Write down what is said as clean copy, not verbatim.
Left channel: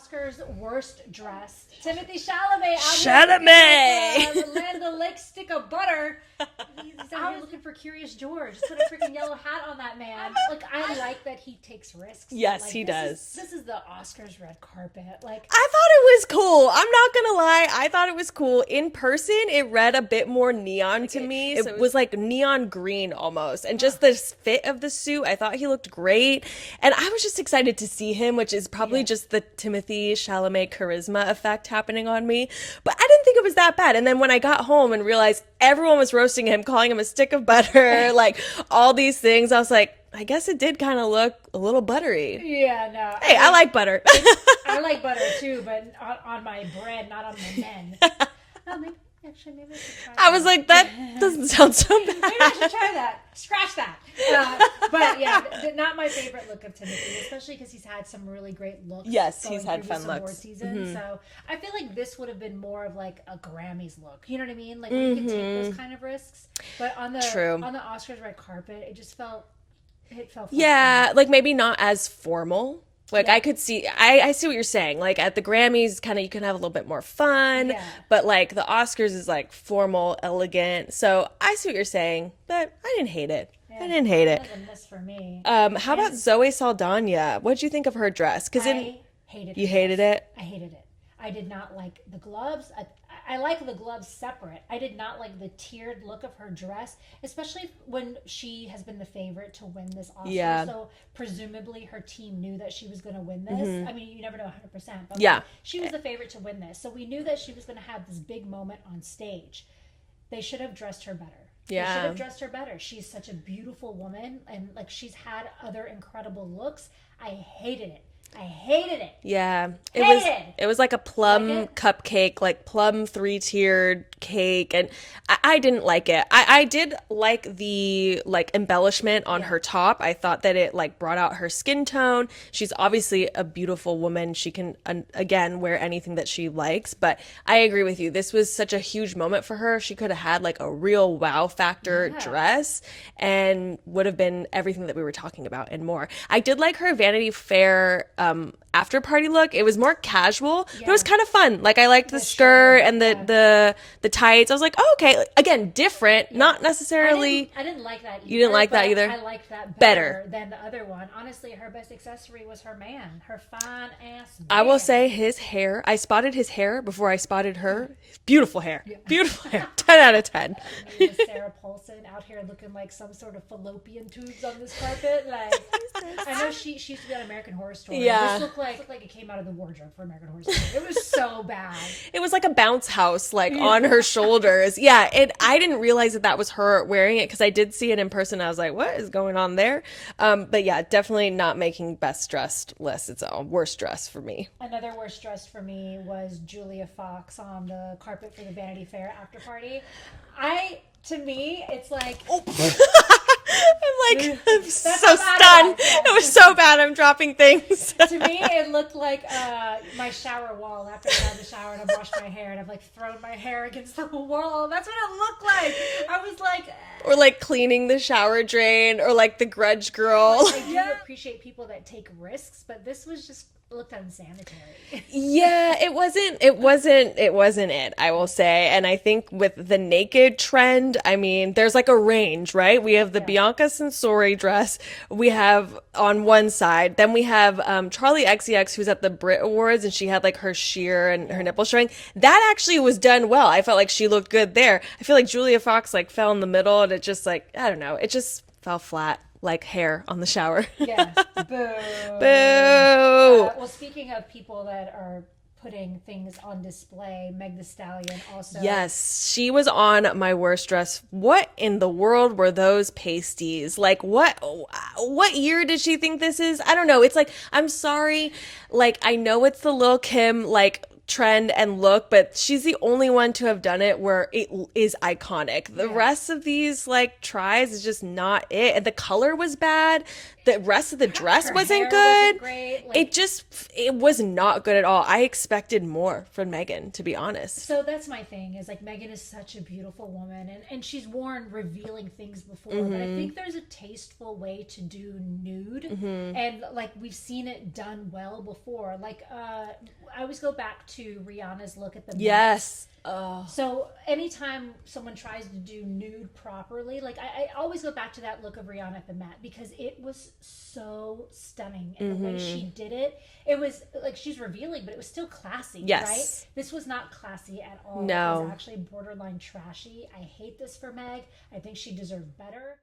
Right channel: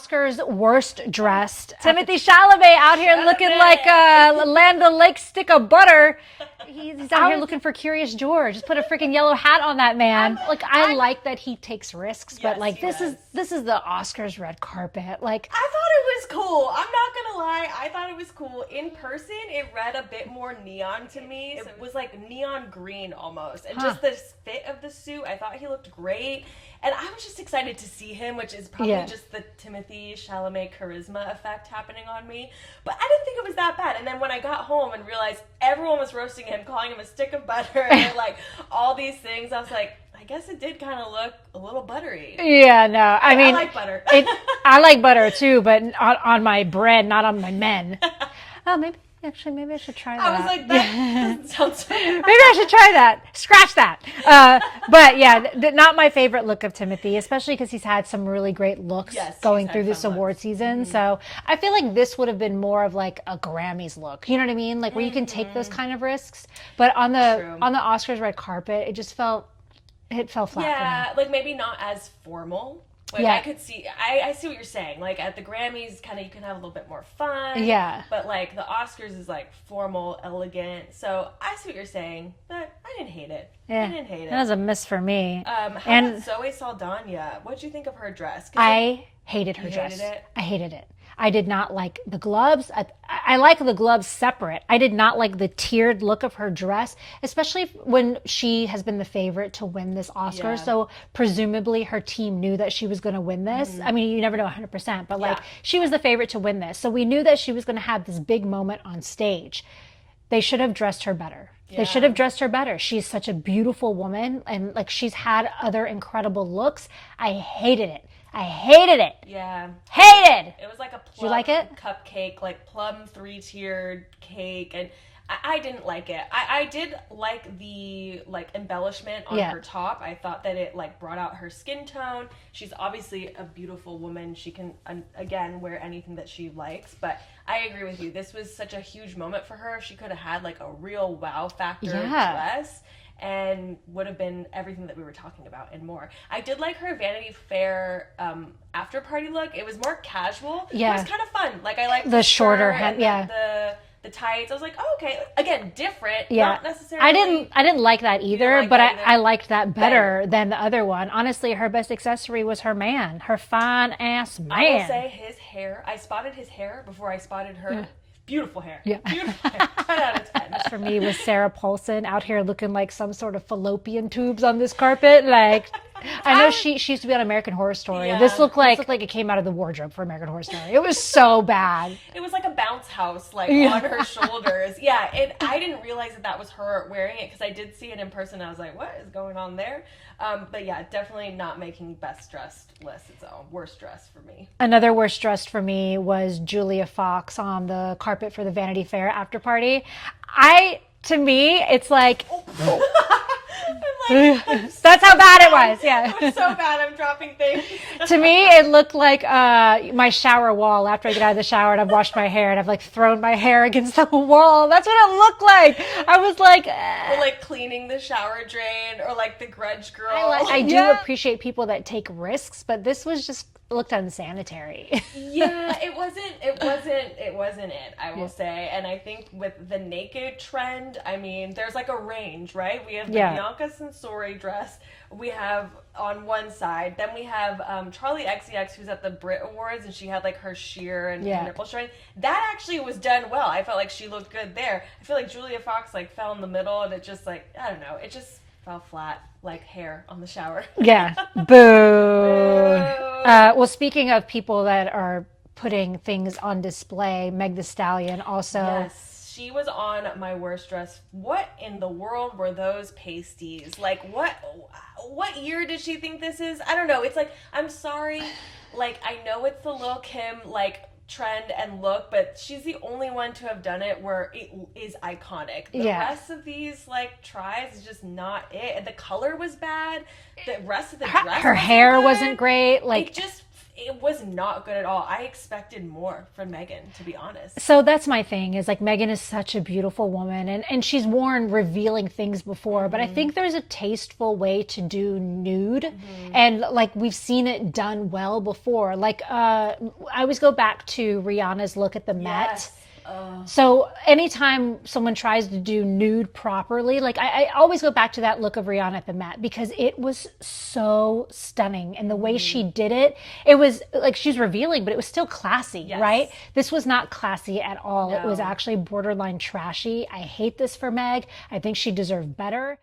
Oscars worst dressed. Timothy Chalamet out here looking like a Land O'Lakes stick of butter. He's out here looking for Curious George. Just put a freaking yellow hat on that man. Like, I like that he takes risks, Yes, but like he this does. is the Oscars red carpet. Like, I thought it was cool. I'm not gonna lie. I thought it was cool. In person, it read a bit more neon to me. It was like neon green almost. And just the fit of the suit, I thought he looked great. And I was just excited to see him, which is probably just the Timothy Chalamet charisma effect happening on me. But I didn't think it was that bad. And then when I got home and realized everyone was roasting him, calling him a stick of butter, like all these things, I was like, I guess it did kind of look a little buttery. yeah, no. I mean, I like butter. I like butter too, but on my bread, not on my men. Oh, maybe I should try that. I was like, that doesn't sound so good. Maybe I should try that. Scratch that. But yeah, not my favorite look of Timothy, especially because he's had some really great looks going through this award season. So I feel like this would have been more of like a Grammys look. You know what I mean? Like where you can take those kind of risks. But on the Oscars red carpet, it fell flat. Yeah, like maybe not as formal. Like I could see, I see what you're saying. Like at the Grammys, kind of you can have a little bit more fun. Yeah. But like the Oscars is like formal, elegant. So I see what you're saying, but I didn't hate it. Yeah. I didn't hate it. That was a miss for me. How about Zoe Saldana? What'd you think of her dress? I hated her You hated dress. it? I hated it. I did not like the gloves. I like the gloves separate. I did not like the tiered look of her dress, especially when she has been the favorite to win this Oscar. Yeah. So presumably her team knew that she was going to win this. I mean, you never know 100%, but Yeah. like she was the favorite to win this. So we knew that she was going to have this big moment on stage. They should have dressed her better. Yeah. They should have dressed her better. She's such a beautiful woman, and like she's had other incredible looks. I hated it. I hated it. Yeah. Hated. It was like a plum like it? cupcake, like plum 3-tiered cake. And I didn't like it. I did like the like embellishment on her top. I thought that it like brought out her skin tone. She's obviously a beautiful woman. She can, again, wear anything that she likes. But I agree with you. This was such a huge moment for her. She could have had like a real wow factor dress and would have been everything that we were talking about and more. I did like her Vanity Fair after party look. It was more casual. It was kind of fun. Like I liked the shirt and the tights. I was like, oh, okay. Again, different. Not necessarily. I didn't like that either. You didn't like but that either? I liked that better than the other one. Honestly, her best accessory was her man, her fine ass man. I will say his hair. I spotted his hair before I spotted her. Beautiful hair. Yeah. Beautiful hair. 10 out of 10. For me, it was Sarah Paulson out here looking like some sort of fallopian tubes on this carpet. Like, I know she used to be on American Horror Story. Yeah. This looked like it came out of the wardrobe for American Horror Story. It was so bad. It was like a bounce house, like on her shoulders. Yeah, I didn't realize that was her wearing it because I did see it in person. I was like, what is going on there? But yeah, definitely not making best dressed list. It's a worst dress for me. Another worst dressed for me was Julia Fox on the carpet for the Vanity Fair after party. To me, it's like... I'm like, that's how bad it was. Yeah. It was so bad. I'm dropping things. To me, it looked like my shower wall after I get out of the shower and I've washed my hair and I've like thrown my hair against the wall. That's what it looked like. I was like... Or like cleaning the shower drain or like the Grudge Girl. I do appreciate people that take risks, but this was just... looked unsanitary. Yeah, it wasn't it, I will say. And I think with the naked trend, I mean, there's like a range, right? We have the Bianca Censori dress we have on one side. Then we have Charlie XCX, who's at the Brit Awards, and she had like her sheer and her nipples showing. That actually was done well. I felt like she looked good there. I feel like Julia Fox like fell in the middle and it just like, I don't know, it just fell flat. Like hair on the shower. Yeah. Boo. Boo. Well, speaking of people that are putting things on display, Meg Thee Stallion also. Yes, she was on my worst dress. What in the world were those pasties? Like what year did she think this is? I don't know. It's like, I'm sorry. Like I know it's the Lil' Kim like trend and look, but she's the only one to have done it where it is iconic. The rest of these like tries is just not it. And the color was bad. the rest of the dress her wasn't hair good. wasn't great. Like it was not good at all. I expected more from Megan, to be honest. So that's my thing, is like Megan is such a beautiful woman, and she's worn revealing things before, but I think there's a tasteful way to do nude, and like we've seen it done well before. Like I always go back to Rihanna's look at the Met. Yes. Oh. So anytime someone tries to do nude properly, like I always go back to that look of Rihanna at the Met, because it was so stunning, and the way she did it, it was like she's revealing, but it was still classy, yes. right? This was not classy at all. No. It was actually borderline trashy. I hate this for Meg. I think she deserved better.